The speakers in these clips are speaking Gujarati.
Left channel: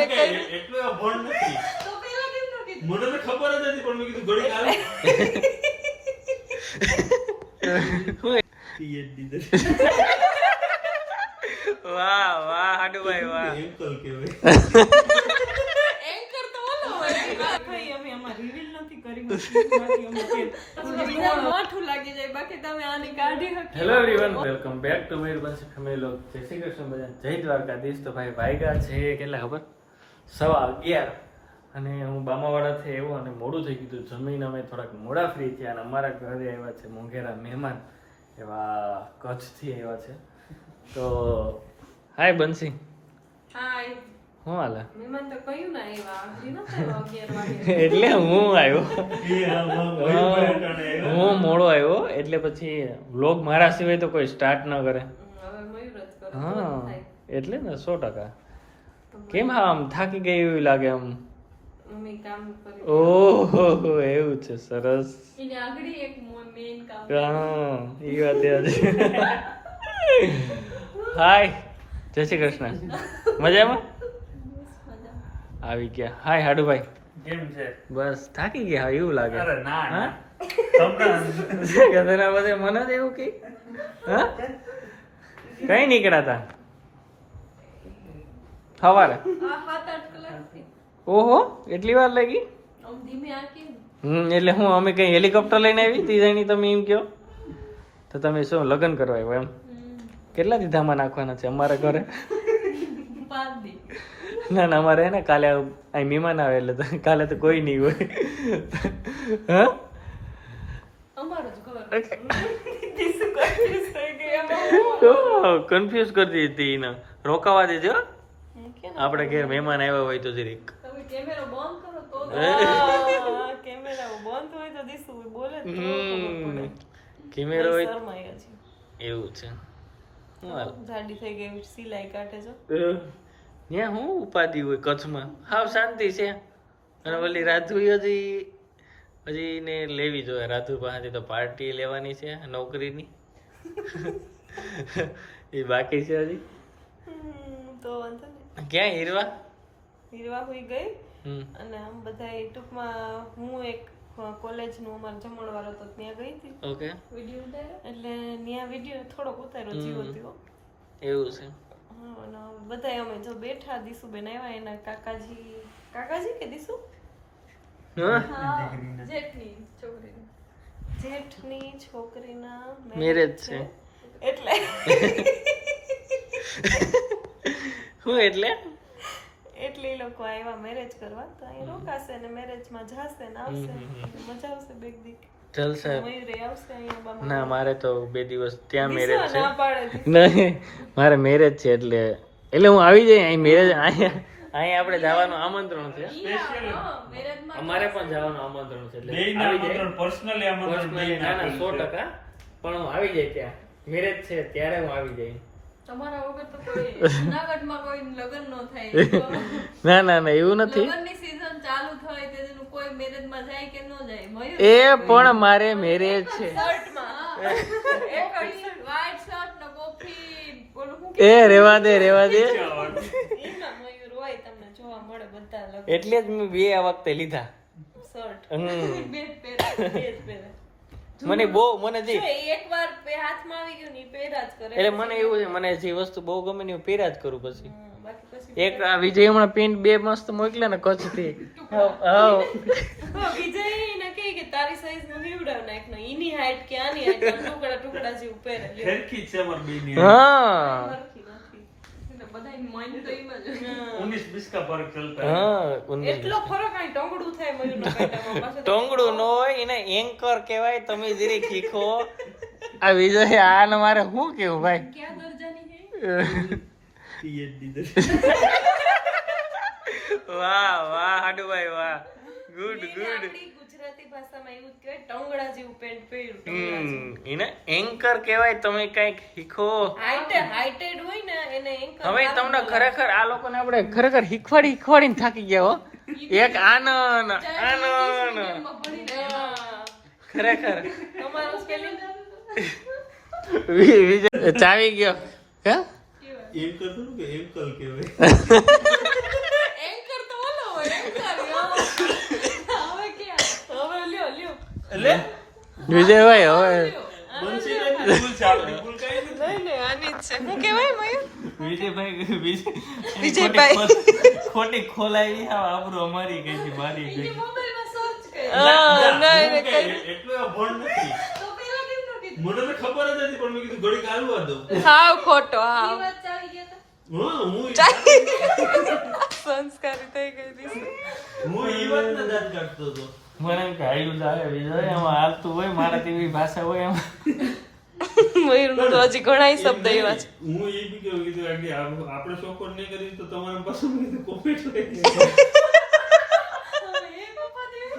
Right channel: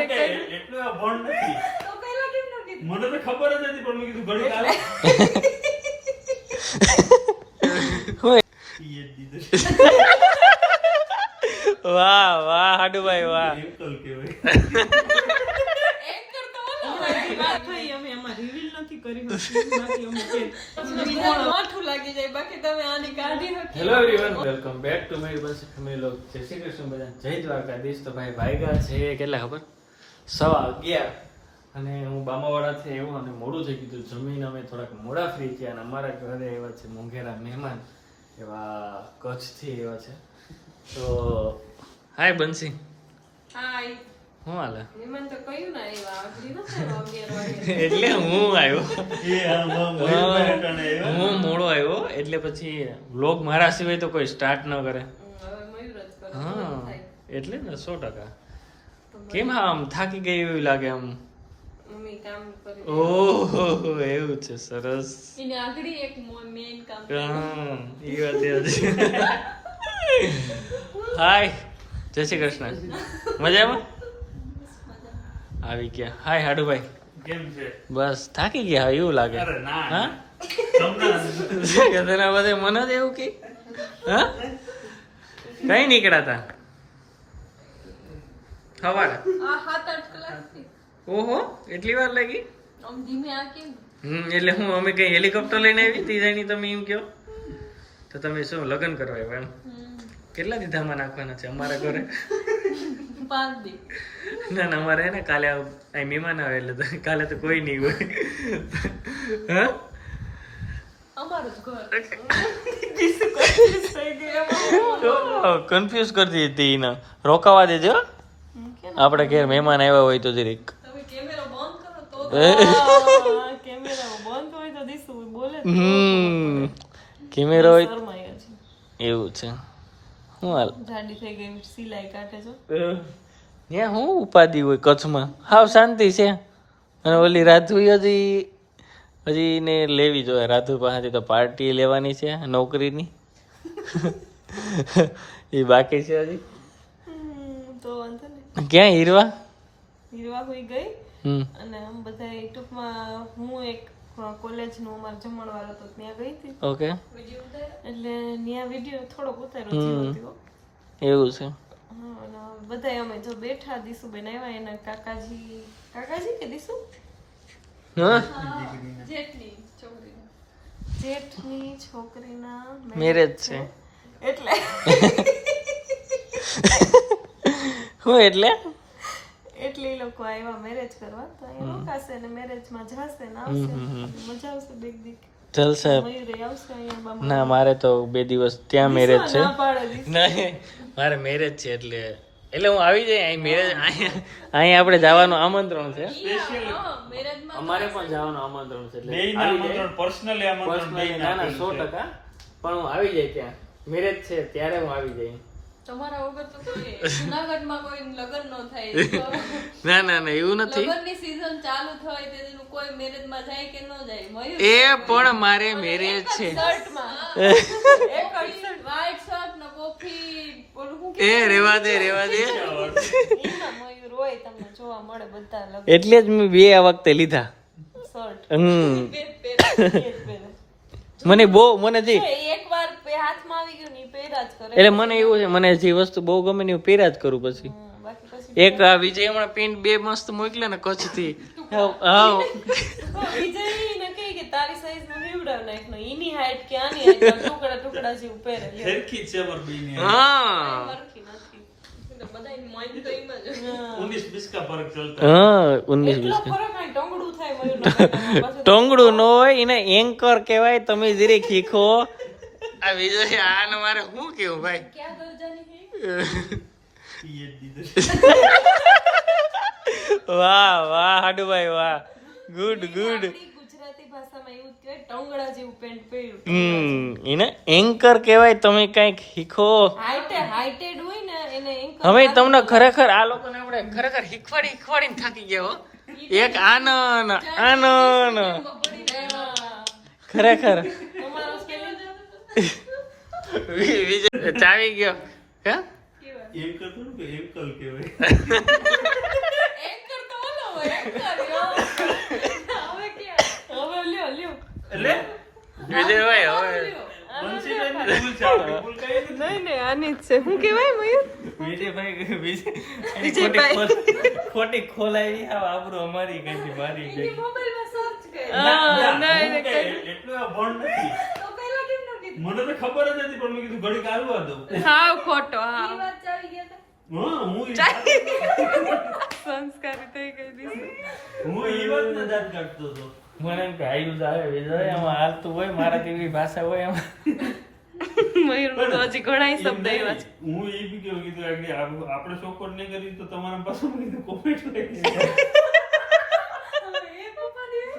મેં કર્યું એટલો ભણ નથી તો પહેલા કેમ ન કીધું? મને તો ખબર જ નથી પણ મેં કીધું ઘડી આવે PhD વાહ વાહ હાડુભાઈ વાહ એંકલ કહેવાય એન્કર તો ઓલો હોય. કઈ અમે આમાં reveal નથી કરી શકતી. બાકી અમે કે બીજાને માઠું લાગી જાય, બાકી તમે આની કાઢી શકો. Hello everyone welcome back to my bus family log. જય શ્રી કૃષ્ણ બધા, જય દ્વારકાધીશ. તો ભાઈ વાગ્યા છે કેટલા ખબર? 11:15 અને હું બામાવાડાથી આવ્યો અને મોડું થઈ ગયું. જમીન અમે થોડાક મોડા ફ્રી થયા અને અમારા ઘરે આવ્યા છે મોંઘેરા મહેમાન એવા કચ્છથી આવ્યા છે. તો હાય બંસી, હાય. શું હાલે? મહેમાન તો કયું ના એવા આગળી નતા 11 વાગે. એટલે હું આવ્યો, એ આમાં મયુરભાઈ અટાણે આવ્યા. હું મોડો આવ્યો એટલે પછી વ્લોગ મારા સિવાય તો કોઈ સ્ટાર્ટ ન કરે. હવે મયુર જ કરે. હા એટલે ને 100%. કેમ આમ થાકી ગઈ એવું લાગે આમ? મમ્મી કામ કરી. ઓહો એવું છે, સરસ. એને આગળી એક મેન કામ. હા એ વાત યાદ છે. હાય જય શ્રી કૃષ્ણ, મજામાં આવી ગયા? હાય હાડુભાઈ, કેમ છે? બસ થાકી ગયા એવું લાગે. અરે ના હા તમને તેના બધે મને જ એવું કે હા કઈ નીકળ્યા હતા સવારે? આ 7-8 કલાકથી. ઓહો એટલી વાર લાગી? આમ ધીમે આ કેમ? એટલે હું અમે કઈ હેલિકોપ્ટર લઈને આવી તીજાની તમે એમ કહો તો તમે શું લગ્ન કરવા આવ્યો એમ? કેટલા દીધામાં નાખવાના છે અમારા ઘરે? 5 દી. ના ના અમારે હે ને કાલે અહીં મહેમાન આવે એટલે તો કાલે તો કોઈ નહીં હોય. હા અમારું જ ઘર. કન્ફ્યુઝ કરતી હતી એને. રોકાવા દેજો આપણે ઘેર મહેમાન આવ્યા હોય તો જરીક. તમે કેમેરો બંધ કરો તો કેમેરા બંધ હોય તો દીસુ બોલે તો કેમેરો હોય શરમાય છે. એવું છે. શું હાલ? જાડી થઈ ગઈ, સિલાઈ કાઢે છો. ત્યાં શું ઉપાધિ હોય કચ્છમાં? હાવ શાંતિ છે. અને ઓલી રાધુ હજી ને લેવી જોઈએ. રાધુ પાસેથી તો પાર્ટી લેવાની છે નોકરીની. એ બાકી છે હજી. તો વાંધો નહીં. ક્યાં હીરવા? હીરવા હોઈ ગઈ હમ અને આમ બધા ટૂંકમાં હું એક કોલેજનું અમારો જમણવાર હતો ત્યાં ગઈ હતી. ઓકે વિડિયો ઉતાર્યો. એટલે ત્યાં વિડીયો થોડોક ઉતાર્યો જીવતીઓ. એવું છે. હા અને બધા અમે જો બેઠા દીસુબેન આવ્યા એના કાકાજી કે દીસુ હા જેઠની છોકરી. જેઠની છોકરીના મેરેજ છે એટલે શું એટલે એટલે એ લોકો આવ્યા મેરેજ કરવા તો અહીં રોકાશે ને મેરેજમાં જશે ને આવશે અને મજા આવશે બે દી. જલસા. મયુરે આવશે અહીંયા બાબા. ના મારે તો 2 દિવસ ત્યાં મેરેજ છે. ના પાડે દીસુ. નહીં મારે મેરેજ છે એટલે હું આવી જાય અહીં મેરેજ. અહીંયા આપણે જવાનું આમંત્રણ છે. મેરેજમાં અમારે પણ જવાનું આમંત્રણ છે એટલે બેયના આવી જાય. આમંત્રણ પર્સનલી આમંત્રણ પર્સનલી ના ના 100%. પણ હું આવી જાય ત્યાં મેરેજ છે ત્યારે હું આવી જાય. તમારા વગર તો કોઈ જૂનાગઢમાં કોઈ લગ્ન ન થાય. ના ના ના એવું નથી. લગ્નની season ચાલુ થાય તેનું કોઈ મેરેજમાં જાય કે ન જાય? મયુર એ પણ મારે મેરેજ છે. શર્ટમાં વ્હાઈટ શર્ટ ને કોફી ઓલું શું એ રેવા દે એમાં મયુર હોય તમને જોવા મળે બધા લગ્ન એટલે જ મેં 2 આ વખતે લીધા. શર્ટ બે પહેરે. મને જે એકવાર હાથમાં આવી ગયું ને ઈ પહેરા જ કરે. એટલે મને એવું છે મને જે વસ્તુ બહુ ગમે ને હું પહેર્યા જ કરું. પછી બાકી પછી એક આ વિજય હમણાં પેન્ટ 2 મસ્ત મોકલ્યા ને કચ્છથી. વિજયને કહે કે તારી સાઈઝ નું હીવડાવ નાખ ને એની હાઈટ કે આની હાઈટ ટુકડા ટુકડા જેવું પહેરે લે. સરખી જ છે અમારી બેયની. હા સરખી નથી. બધાય mind તો એમ જ હોય. 19-20 का फर्क चलता है. હા 19 એટલો ફરક અહીં ટોંગડું થાય મયુરના કાંટામાં પાછું. ટોંગડું ન હોય એને એન્કર કહેવાય. તમે જરીક શીખો. આ વિજય આને મારે શું કેવું ભાઈ? ક્યાં દરજાની હે? PhD વાહ વાહ હાડુભાઈ વાહ, ગુડ ગુડ. આપણી ગુજરાતી ભાષામાં એવું જ કહેવાય ટોંગડા જેવું પેન્ટ પહેર્યું. એને એન્કર કહેવાય. તમે કઈક શીખો. હાઈટેડ હોય ને એને એન્કર. હવે તમને ખરેખર આ લોકોને આપણે ખરેખર શીખવાડીને થાકી ગયા હો. એક આનંદ ખરેખર તમારું સ્પેલિંગ વિજય ચાવી ગયો. હે एंकर तो के एंकल के वे એન્કર વિજયભાઈ હવે ભૂલ છે આપણી, ભૂલ કાંઈ નથી. નહીં, આની જ છે. શું કહેવાય મયુર? વિજયભાઈ ખોટી ખોલાઈ આપણું અમારી કઈ મારી એની મોબાઈલમાં સર્ચ કર. હા, નહીં, હું કઈ કાંઈ એટલું આ ભણ નથી. તો પહેલા કેમ ન કીધું? મને તો ખબર જ નથી પણ મેં કીધું ઘડીક હાલવા દઉં. હાવ ખોટો, ઈ હાવ વાત ચાલી ગયા તા. હા, હું સંસ્કારી થઈ ગઈ દીસુ. ઈ વાતને દાદ કાઢતો હતો. મને એમ કે હાલ્યું જ આવે વિજય એમાં હાલતું હોય મારા જેવી ભાષા હોય એમાં મયુરનું તો હજી ઘણા શબ્દ એવા છે. હું એ બી કેવું કીધું કે આપણે સપોર્ટ નહીં કરી તો તમારા પાસે મને કીધું કોમેન્ટ લઈ હવે એ પપ્પા દેવે.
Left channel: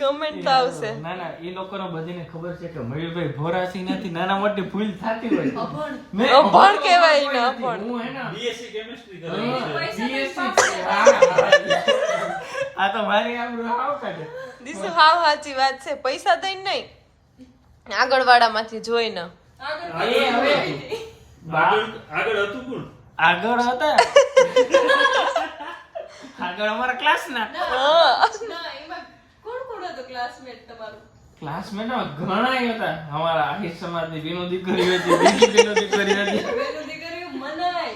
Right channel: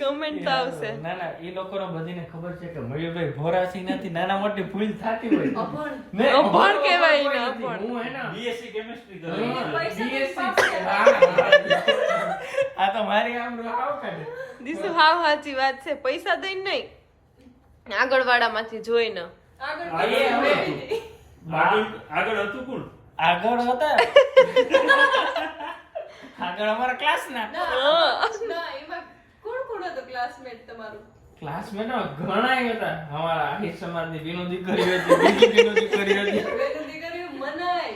કમેન્ટ તો આવશે. ના ના એ લોકોને બધીને ખબર છે કે મયુરભાઈ ભોરાથી નથી નાના મોટી ભૂલ થતી હોય અભણ. મેં અભણ કહેવાય ને, નથી. અભણ. હું હે ને બીએસસી કેમિસ્ટ્રી હા, કરી છે. પૈસા દઈને BSc પાસ છે. આ તો મારી આમ હાવ કાઢે દીસુ હાવ સાચી વાત છે. પૈસા દઈને નહીં, આગળવાળામાંથી જોઈને. આગળ આગળ વધીએ. આગળ હતું કોણ? આગળ હતા આગળ અમારા ક્લાસના હા. ના, એમાં કોણ કોણ હતું classmate તમારું? ક્લાસમેટ ઘણા હતા અમારા આહિર સમાજની બીનો દીકરી હતી બીજી બીનો દીકરી હતી વેલું દીકરીઓ મનાય.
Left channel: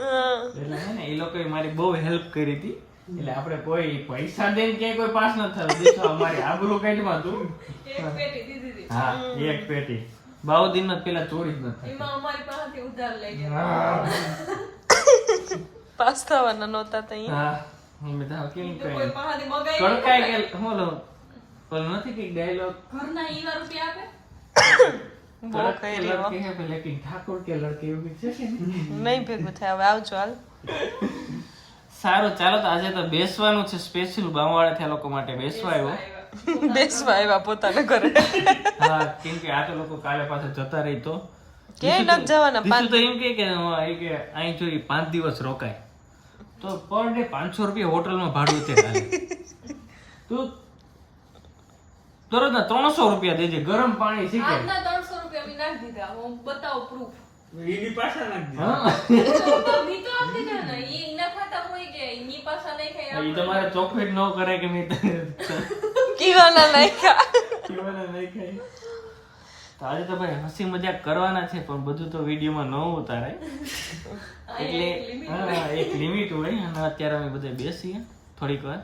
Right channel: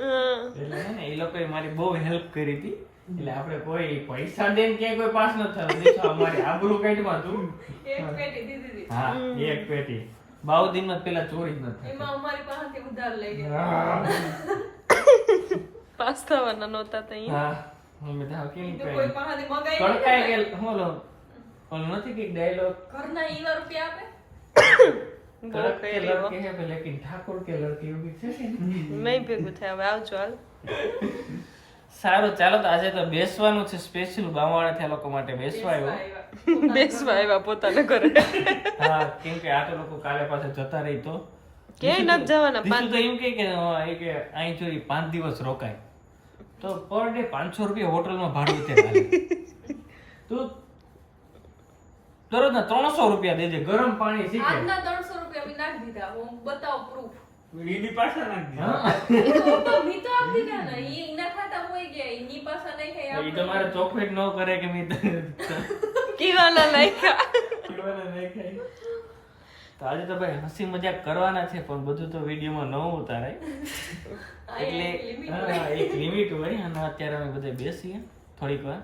હા. એટલે હે ને એ લોકોએ મારી બહુ હેલ્પ કરી હતી એટલે આપણે કોઈ પૈસા દઈને ક્યાંય કોઈ પાસ ન થયું દેખો અમારી આબરૂ કાઢમાં હતું એક પેટી દીધી હતી. હા એક પેટી બાઉ દિન પેલા ચોરી જ નથી એમાં અમારી પાસેથી ઉધાર લઈ ગયા. હા પાસ થવાના નહોતા તો અહીંયા. હા હું બધા કેમ તો કોઈ કઈ પાસેથી મગાઈ કડકાઈ નહીં ગયેલ બોલો પણ નથી કે ડાયલોગ ઘરના ઈવા રૂપિયા આપે. બહુ કરી હો. લડકે હે ભાઈ લેકિન ઠાકોર કે લડકે એવું છે ને નહીં ભેગું થાય. હવે આવજો હાલ. સારું ચાલો તો આજે તો બેસવાનું છે સ્પેશિયલ બામાવાળા લોકો માટે બેસવા આવ્યો બેસવા આવ્યા પોતાના ઘરે. હા કેમ કે આ તો લોકો કાલે પાછા જતા રહી તો ક્યાંય નથી જવાના. બીજું તો એમ કે અહીં જો 5 દિવસ રોકાય તો પર ડે 500 રૂપિયા હોટલમાં ભાડું અત્યારે તું તરત ના 300 રૂપિયા દેજે ગરમ પાણી શીખે આજના 300 રૂપિયા મેં નાખી દીધા. હું બતાવો proof. એની પાસે નાખી દીધું. હા તો મેં તો આપી દીધા ને. એના ખાતા હોય ગયા. એની પાસે નહીં ખાય એ તમારે ચોકલેટ ન કરે કે નહીં કીવાના નાખ્યા. પીવાના નહીં ખાય તો આજે તો ભાઈ હસી મજાક કરવાના છે પણ બધું તો વિડીયોમાં ન ઉતારાય એટલે હા, એક લિમિટ હોય અને અત્યારે અમે બધા બેસીએ થોડીક વાર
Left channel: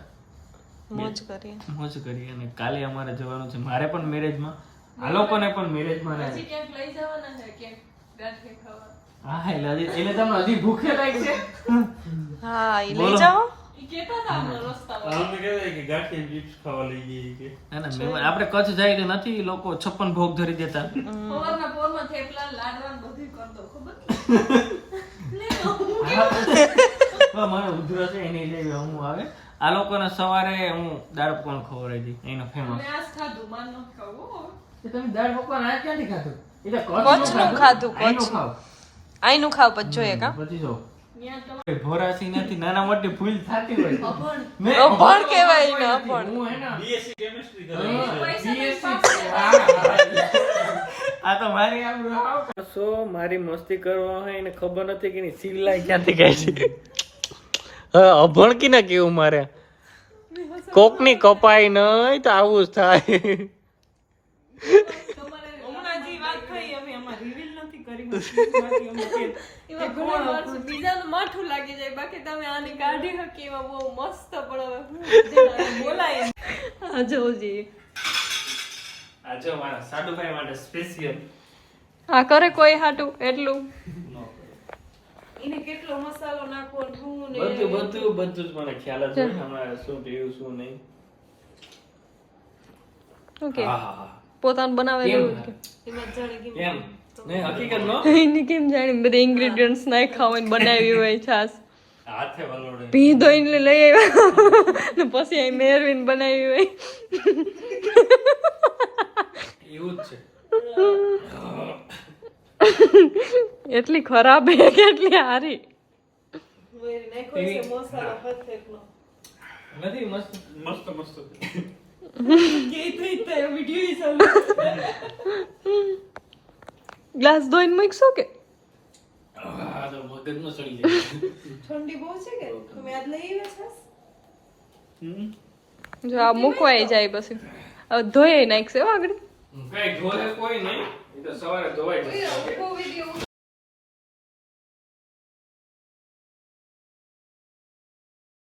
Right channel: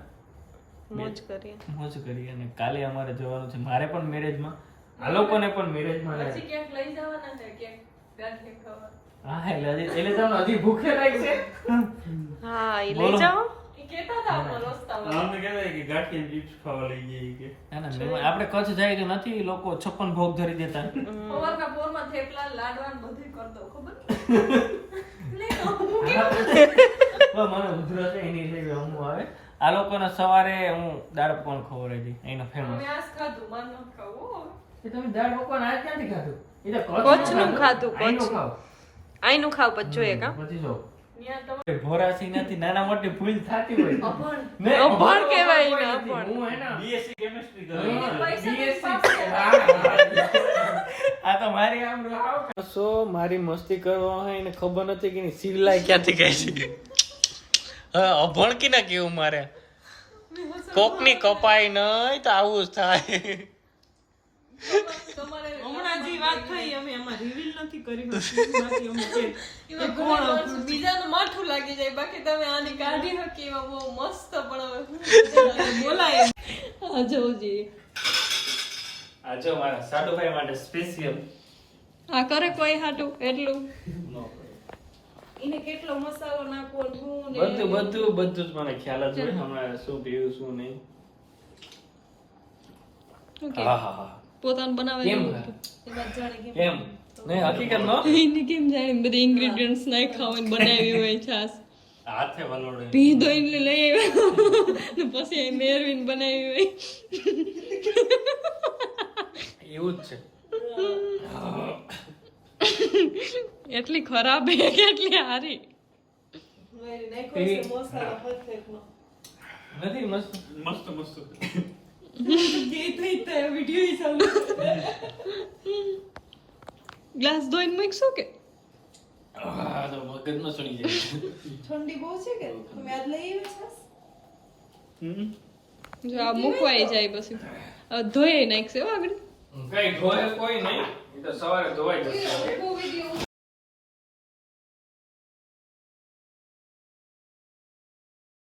મોજ કરીએ. મોજ કરીએ અને કાલે અમારે જવાનું છે મારે પણ મેરેજમાં આ લોકોને પણ મેરેજમાં પછી ક્યાંક લઈ જવાના છે ક્યાંક ગાંઠિયા ખાવા. હા એટલે તમને હજી ભૂખે લાગશે હા, ઈ બોલો. લઈ જાઓ. ઈ કહેતા હતા હમણાં રસ્તામાં. અમને કહેતા કે ગાંઠિયા ચિપ્સ ખાવા લઈ જઈએ કે ના ના મહેમાન આપણે કચ્છ જાય તો નથી લોકો 56 ભોગ ધરી દેતા સવારના પોરમાં થેપલા ને લાડવા ને બધું કરતો ખબર નહીં હું પણ મારો ઉધરો છે એની જેવી હું આવે આ લોકોને સવારે હું દાળ પકવાન ખવડાવી દી અહીંનો ફેમસ મેં આજ ખાધું માર ન ખાવું હો. તમે દાળ પકવાન આજ ક્યાંથી ખાધું એ તો કચ્છનું ખાધું, અહીંનું કચ્છનું. ખાવ. આઈનું ખાવ પછી જોઈએ કા. પછી જો ત્યાં તમારે ભોરાથી નથી નાના મોટી ભૂલ થતી હોય અભણ. મેં અભણ કહેવાય ને, નથી. અભણ. હું હે ને બીએસસી કેમિસ્ટ્રી કરી પૈસા દઈને BSc પાસ છે. આ તો મારી આમ સો મારી મસ્તી કરવા હોય એને ખબર નથી કે ની સિલાઈ ક્યાંથી ગાય છે હવે અભણ કી ના કેવું મારે કોકની કપાઈ નહીં તો આવું જ થાય તમારે હમણાં જે વાત થઈ અમે આમાં રિવીલ નથી કરી બાકી અમે કે બીજાનું માઠું લાગી જાય બાકી તમે આની કાઢી હકી એવા બહુ મસ્ત પણ હવે બોલાય. જોજી આજે મારા સાડુભાઈ માટે સ્પેશિયલ હા કરે કોઈ હાટું એટલું એને કેટલો મસાલો નાખવો ને શું ને બધું જ મને ખ્યાલ જ હોય હમણાં શું પીવું શું નહીં ઓકે હા હા હા પોતાનું બનાવે કેમ? એવું કે એમાં જાણી કેમ નહીં હકીકત નો એને કેમ જાણી બધા ઇન્ગ્રેડિયન્ટ્સ નાખ્યા હોય ને બનાવી હોય છાસ હાથે વલોડે ભીંધો એટલે લઈ આવ્યા ને પછી અહીં મેરવીન બનાવી હોય એવું જ છે એટલી ખરાબ હે કે એટલી હારી નથી મસ્ત મસ્ત મસ્ત ગ્લાસ ધોઈને મૂકશો કે આ તો મગજમાં ચડી જાય ઠંડી બહુ છે કે તમે આજ લઈ આવ્યા છો? જો આ મૂકવાય જાય પછી ધોઈ નાખશે હો આગળ કઈ ધોય કોઈ નહીં, એ તો સવારે ધોવાઈ જશે.